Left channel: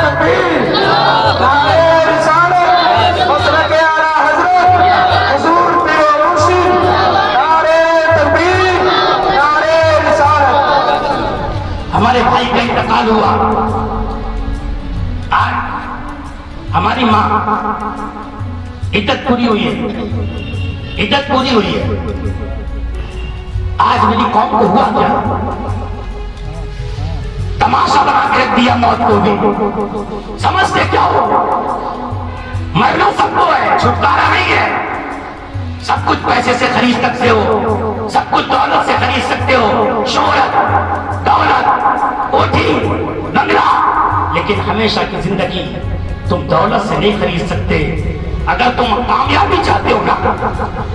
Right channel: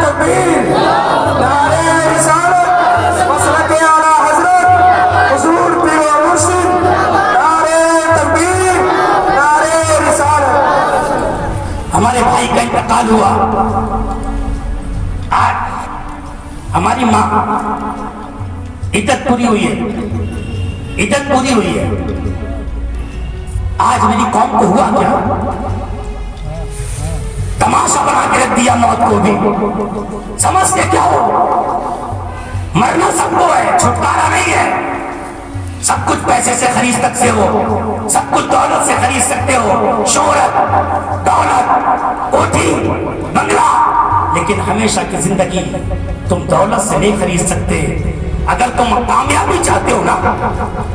تکبیر، نعرہ رسالت، مسلک اعلیٰ حضرت حضور پیر و مرشد، نعرہ تکبیر، نعرہ رسالت۔ ہمارے بھائی کا انتقال ہوا، آج ہماری ماں عدت پوری ہوئی ہے، عدت پوری ہوئی ہے۔ آج میری قوم کو ہوا کیا؟ تماشا بنا کے رکھ دیا موت کو بھی۔ سمجھتے کیا ہو؟ مرنا سب کو ہے، چھٹکارا نہیں ہے۔ سب کچھ پیسے سے خرید سکتے ہو، سب کچھ دولت سے خرید سکتے ہو، شہرت، دولت، کوٹھی، بنگلہ، لیکن ہمیشہ کی زندگی تم دولت سے نہیں خرید سکتے۔ اگر تم کامیابی چاہتے ہو نا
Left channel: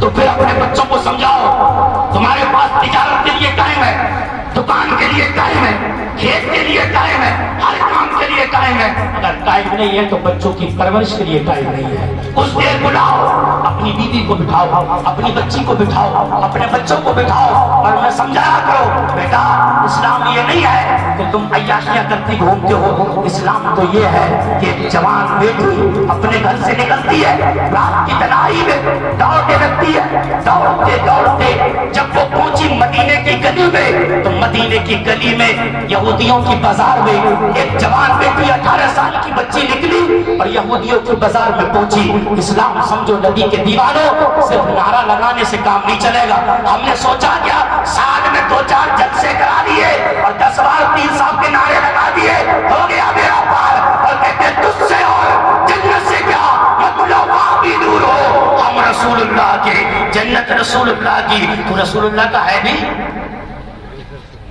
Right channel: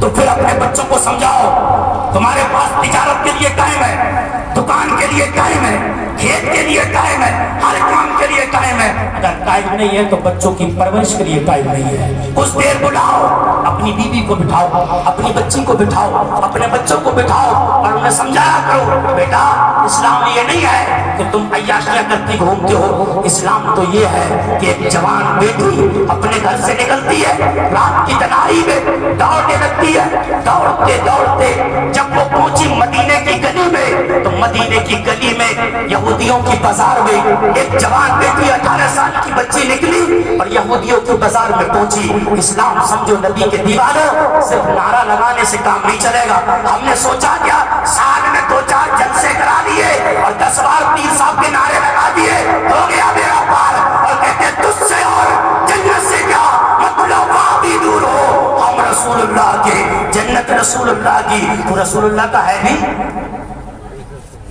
تو پھر اپنے بچوں کو سمجھاؤ تمہارے پاس تجارت کے لیے ٹائم ہے، دکان کے لیے ٹائم ہے، کھیت کے لیے ٹائم ہے، ہر کام کے لیے ٹائم ہے۔ اگر ٹائم نہیں ہے تو بچوں کی پرورش کے لیے ٹائم نہیں ہے۔ کچھ دیر بلاؤ، اپنی بیوی کو بٹھاؤ، اپنی بچی کو بٹھاؤ، اپنے بچوں کو بٹھاؤ اور انہیں سمجھایا کرو بیٹا اسلام یہ نہیں ہے کہ تم عیاشیاں کرتی گھومتے ہو، اسلام تو یہ ہے کہ ایک جوان بیٹی اپنے گھر سے نکلتی ہے، رات کی تنہائی میں دوڑنے لگتی ہے، دوڑتے دوڑتے جب وہ پہنچی مدینے کی گلی میں تو مدینے کی گلی میں یہودیوں کی بازار میں ایک جوان بیٹی 18 سال کی بچی نکلی اور یہودیوں کی بازار میں پہنچی۔ اسلام سمجھو نبی کے دیوانوں، صرف نعرہ لگانے سے کام نہیں چلے گا۔ ہم نے سوچا کیا سال میں 2-4 جلسے کرا دیے اور 10 بار پیر صاحب کے نعرے لگا دیے ہو گیا میرا پار، اور کہتے تجھ سے اور جنت سے کیا مطلب، بھی دور ہو، ہم رسول اللہ کے، جنت رسول اللہ کی۔ تو رسول اللہ کا ہے بھی،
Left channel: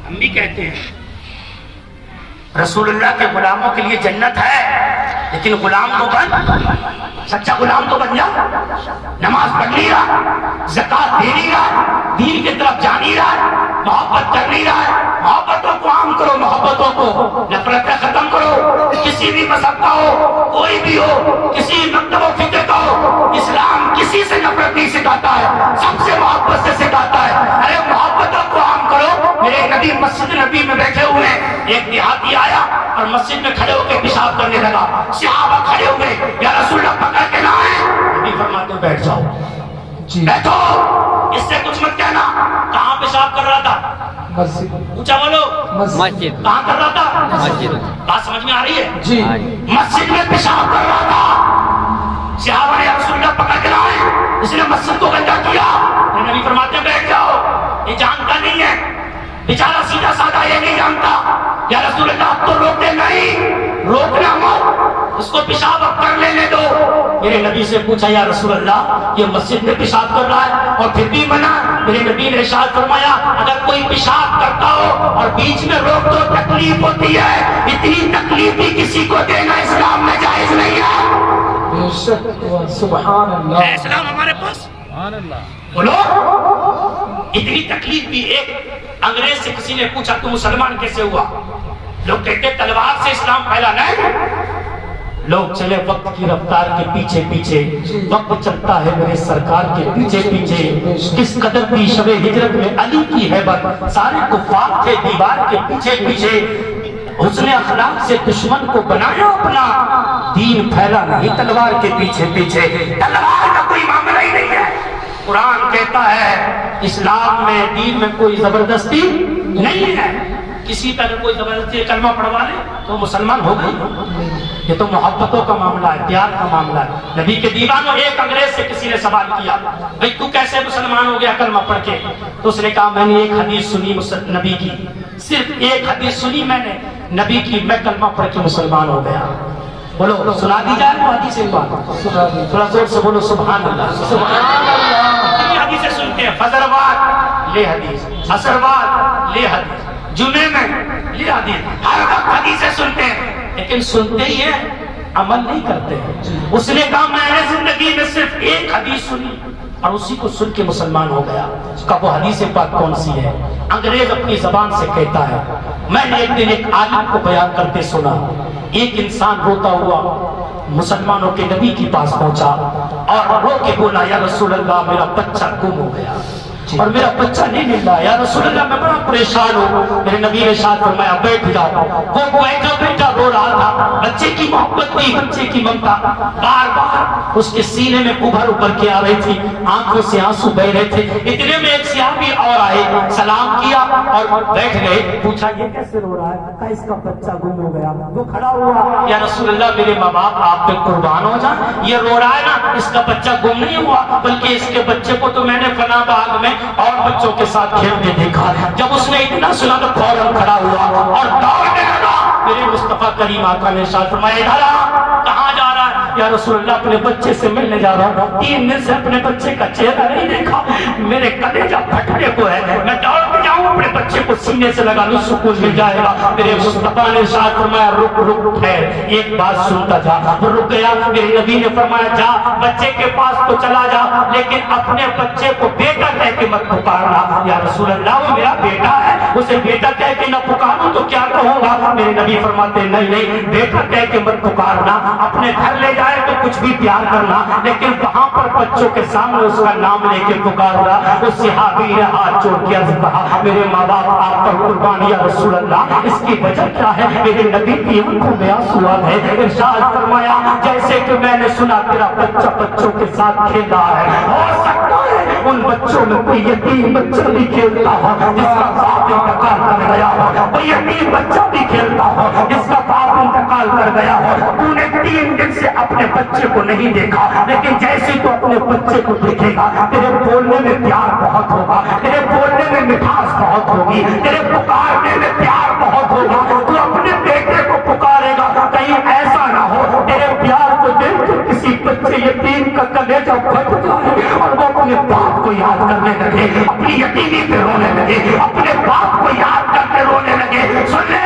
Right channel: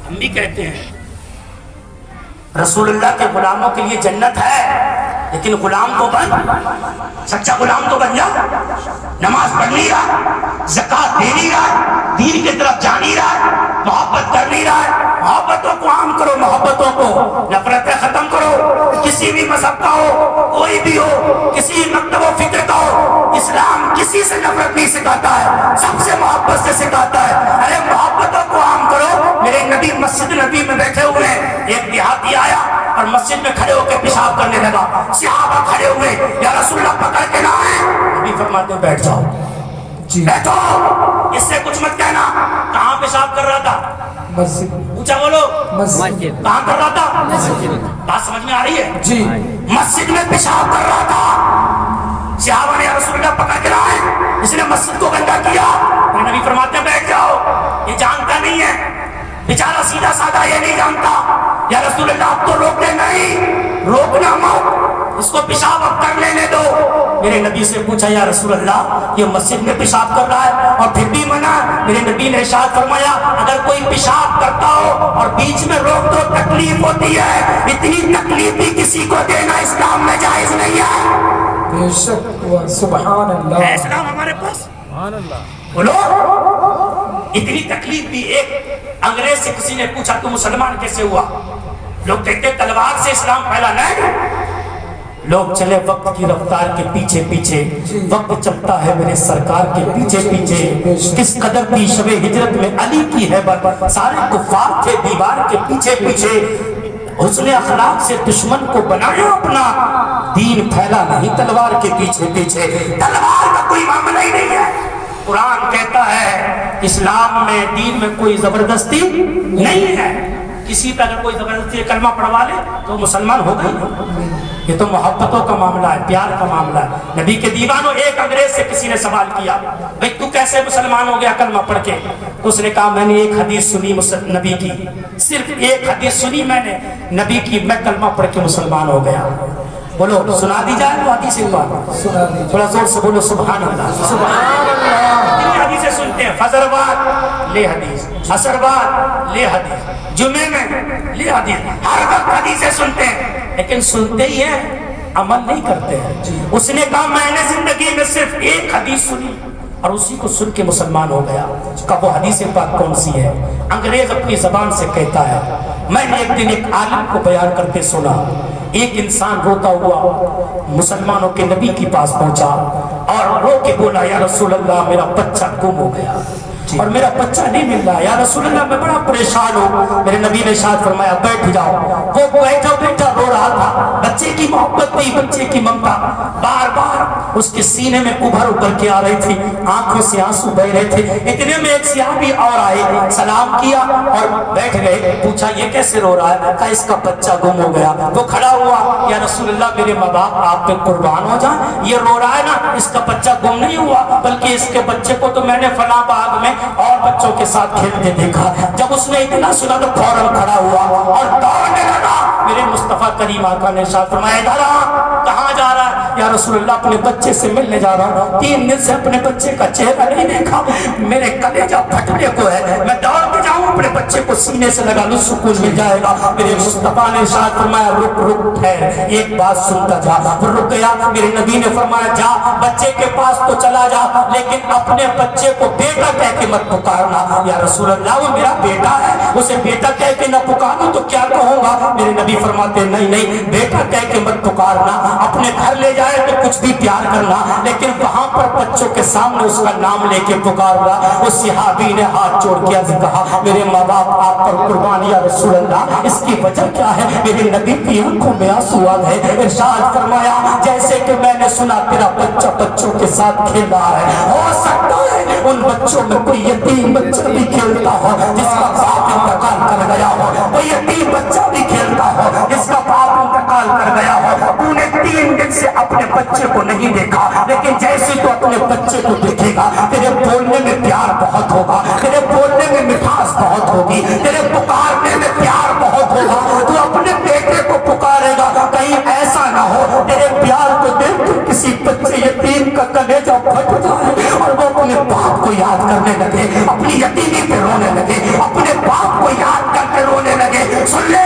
ہم بھی کہتے ہیں رسول اللہ کے غلاموں کے لیے جنت ہے، لیکن غلام تو بن، سچا غلام تو بن جا۔ نماز پڑھ نہیں رہا، زکات دے نہیں رہا، دین کی طرف جا نہیں رہا، محبت کر نہیں رہا ہے۔ محبتوں کو عام کرو، محبتوں کو، نفرتیں ختم کرو۔ کسی بھی مذہب کا ہو، کوئی بھی ہو، کسی مکتب و فکر کا ہو، اسلام کسی سے نفرت نہیں سکھاتا ہے، سب سے محبت سے سکھاتا ہے۔ ارے محبتوں کو عام کرو۔ میرے نبی مسجد نبی میں بیٹھے ہوئے ہیں، ایک دیہاتی آیا اور مسجد میں کھڑے ہو کے پیشاب کرنے لگا۔ صحابہ کھڑے ہوئے، یا رسول اللہ پکڑ کے لائیں۔ نبی فرماتے بیٹھ جاؤ، بیٹھو، اس سے کچھ مت کہنا۔ کہاں پیشاب کر رہا تھا؟ مسجد، اونچا بولو، مسجد، کہاں کر رہا تھا؟ بات سمجھ میں آ رہی ہے؟ جی، مسجد میں پیشاب کر رہا تھا۔ صحابہ نے یا رسول اللہ پکڑ کے لائیں، اس نے مسجد کو گندا کیا۔ میرے نبی فرماتے ہیں بیٹھ جاؤ، یہ جانتا نہیں ہے بیچارہ، سیدھا سادہ یہ نہیں جانتا۔ یا رسول اللہ اب تو روکتے نہیں، روکنا مت، اس کو پیشاب اب کر لینے دو۔ میرے نبی سے پوچھا یا رسول اللہ یہ مسجد میں پیشاب کر رہا ہے اور پھر بھی منع؟ میرے نبی نے ارشاد فرمایا اگر کوئی پیشاب کرتا ہو اور بیچ میں روک دو تکلیف ہوتی ہے، اتنی تکلیف بھی کسی کو دینا اسلام میں جائز نہیں ہے۔ بے شک ہوا، سبحان اللہ، ہے اسلام ہمارے پاس؟ بولو، اتنی تکلیف بھی۔ ایک انگریز سے کسی نے پوچھا تو مسلمان کیسے ہوا؟ لوگ کہتے ہیں تلوار سے اسلام پھیلا، نہیں۔ لوگ چلے وقت کی رفتار کے پیچھے پیچھے، وقت چلتا ہے میرے سرکار کے پیچھے پیچھے۔ کس قدر تھی شب ہجرت میں علی کی ہیبت، سارے کفار تھے دیوار کے پیچھے پیچھے۔ حسن اخلاق سے دشمن کو بنایا اپنا، دین پھیلا نہیں تلوار کے پیچھے پیچھے۔ تلوار کا کوئی معاملہ ہی نہیں ہے۔ قرآن کہتا ہے اسلام میں، دین میں کوئی زبردستی نہیں ہے۔ کسی پہ اگر کوئی زبردستی کلمہ پڑھوا لے تو مسلمان ہو گئی۔ یہ تو محبتوں کا معاملہ ہے، پیار کا معاملہ ہے۔ نبی کے دیوانوں، ایک انگریز سے کسی نے سوال کیا بھئی تو کیسے مسلمان ہو گیا کلمہ پڑھ کے؟ تو اس نے کہا میں نے ایک حدیث سنی نبی کی، صرف ایک حدیث سنی میں نے نبی کی، میں کلمہ پڑھ کے مسلمان ہو گیا۔ بولو سنا دی جائے وہ حدیث پاک، تھوڑا زور سے بولو سبحان اللہ، سبحان اللہ۔ اتنی حدیثیں سنتے ہیں، فجر وار لے حدیث، عصر وار لے حدیث، جمعے میں لے حدیث، ہر وقت حدیثیں سنتے ہیں، لیکن سنتے ہی ہیں، عمل نہیں کرتے ہیں۔ اس نے کہا میں نے زندگی میں صرف ایک حدیث سنی اور اسی کو سن کے مسلمان ہو گیا۔ کہا وہ حدیث پاک کون سی ہے؟ انگریز اپنی زبان سے کہتا ہے میں نے ایک دن ایک عالم کو بیان کرتے سنا، ایک انسان روتا ہوا مسلمانوں کے نبی کے پاس پہنچا اور رو کے بولا یا رسول اللہ میرا بچہ گم ہو گیا۔ اور میرا بچہ نہیں مل رہا، یا رسول اللہ میں بڑا پریشان ہوں۔ میرے نبی نے شاد فرمایا بیٹھ جاؤ۔ وہ بیٹھا بیٹھا رو رہا تھا، بچے کی محبت نہیں، بچے کی ممتا بار بار اس کے سینے میں ابھر ابھر کے آ رہی تھی، آنکھوں سے آنسو بہ رہے تھے۔ اتنے میں ایک صحابی اور آئے، سلام کیا اور بیٹھ گئے۔ پوچھا یہ کیسے رو رہا ہے؟ کہا اس کا بچہ گم ہو گیا۔ وہ کھڑا ہوا، یا رسول اللہ میرے ماں باپ آپ پہ قربان ہو جائیں، یہ رو رہا ہے نا، اس کا بچہ گم نہیں ہوا، بلکہ اس کے بچے کو تو میں نے فلاں باغ میں اور بچوں کے ساتھ کھیلتے دیکھا۔ جب اس نے اتنا سنا تو فوراً کھڑا ہوا اور دوڑنے لگا۔ میرے مصطفیٰ کریم آقا نے ارشاد فرمایا ادھر آ، کہاں جا رہا ہے؟ یا رسول اللہ اپنے بچے سے ملنے جا رہا ہوں، 3 دن سے اپنے بچے کا چہرہ نہیں دیکھا، میرے کلیجہ پھٹنے کو ہے، میں دوڑ کے جاؤں اپنے بچے کو سینے سے لگا لوں، سکون مل جائے گا۔ میرے مصطفیٰ نے ارشاد فرمایا رک رک ٹھہر، ایک بات سنتا جا۔ وہ رک گیا۔ میرے نبی نے فرمایا جا بچے کے پاس تو چلا جا، لیکن اپنے بچے کو بیٹا کہہ کے مت پکارنا۔ یا رسول اللہ وہ میرا بیٹا ہے، اسے بیٹا کہہ کے نہ پکاروں تو کیا کہوں گا؟ میرے نبی فرماتے نہیں نہیں، بیٹا کہہ کے مت پکارنا، اپنے گھر لے جائے تو کچھ بھی پیار کرنا، لیکن وہاں پر بچوں کے سامنے اس کا نام لے کے پکارنا۔ اس صحابی نے ہاتھ جوڑ کے عرض کہا میرے ماں باپ آپ پر قربان یا رسول اللہ، اس کی وجہ کیا ہے؟ میرے نبی کی آنکھوں میں آنسو آ گئے۔ ارشاد فرمایا جیسے کہ میں نے سنا تیرا بچہ بچوں کے ساتھ کھیل رہا ہے، ہو سکتا ہے ان بچوں میں کوئی یتیم بچہ بھی کھیلتا ہو جس کا باپ انتقال کر گیا ہو، کوئی یتیم بچہ بھی کھیلتا ہو جس کا باپ انتقال کر گیا ہو۔ تو نے 3 دن سے اپنے بچے کو نہیں دیکھا، لیکن جیسے تو اپنے بچے کو دیکھے گا تیرے بولنے میں پیار بہت ہوگا، تیرے بولنے میں مٹھاس بہت ہوگی، تیرے پکارنے میں پیار بہت ہوگا، تو اپنے بیٹے کو پکارے گا۔ کہیں ایسا نہ ہو تیرے پیار کو دیکھ کے کسی بچے یتیم کا کلیجہ پھٹ جائے اور وہ اپنے باپ کو یاد کرنے لگے، اپنی یتیمی پہ رونے لگے، اپنے باپ کو یاد کر کے رونے لگے۔ سن لے،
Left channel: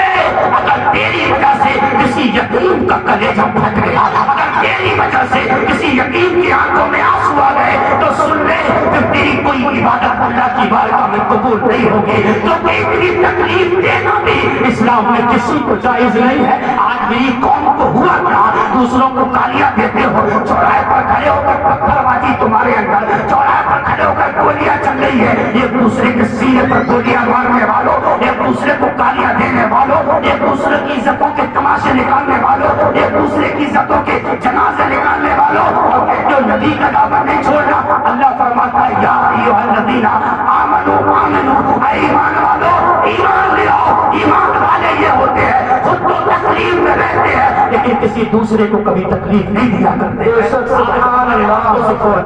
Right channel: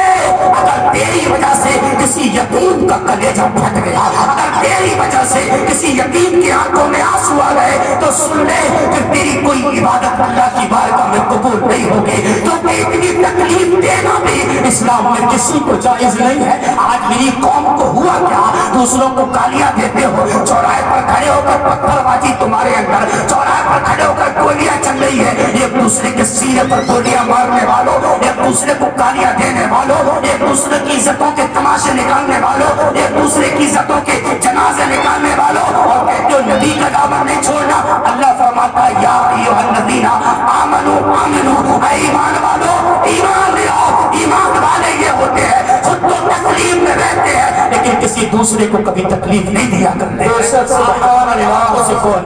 اگر تیری وجہ سے کسی یتیم کا کلیجہ پھٹ گیا، اگر تیری وجہ سے کسی یتیم کی آنکھوں میں آنسو آ گئے، تو سن لے پھر تیری کوئی عبادت اللہ کی بارگاہ میں قبول نہیں ہوگی، کیونکہ اتنی تکلیف دینا بھی اسلام میں کسی کو جائز نہیں ہے۔ آج میری قوم کو ہوا کیا؟ دوسروں کو گالیاں دیتے ہو، چوراہے پر کھڑے ہو کر پتھر بازی تمہارے اندر، چوراہے پر کھڑے ہو کر گولیاں چل رہی ہے، ایک دوسرے کے سینے پر گولیاں مارنے والوں، ایک دوسرے کو گالیاں دینے والوں، ایک دوسرے کی عزتوں کے تماشے نکالنے والوں، ایک دوسرے کی عزتوں کے جنازے نکالنے والوں، اور کہتے ہو نبی کا دامن نہیں چھوڑنا۔ اللہ فرماتا ہے یا ایھا الذین آمنوا آمنوا، اے ایمان والو ایمان لے آؤ۔ ایمان والے یہ ہوتے ہیں خود تو تکلیف میں رہتے ہیں لیکن کسی دوسرے کو کبھی تکلیف نہیں دیا کرتے ہیں۔ سبحان اللہ۔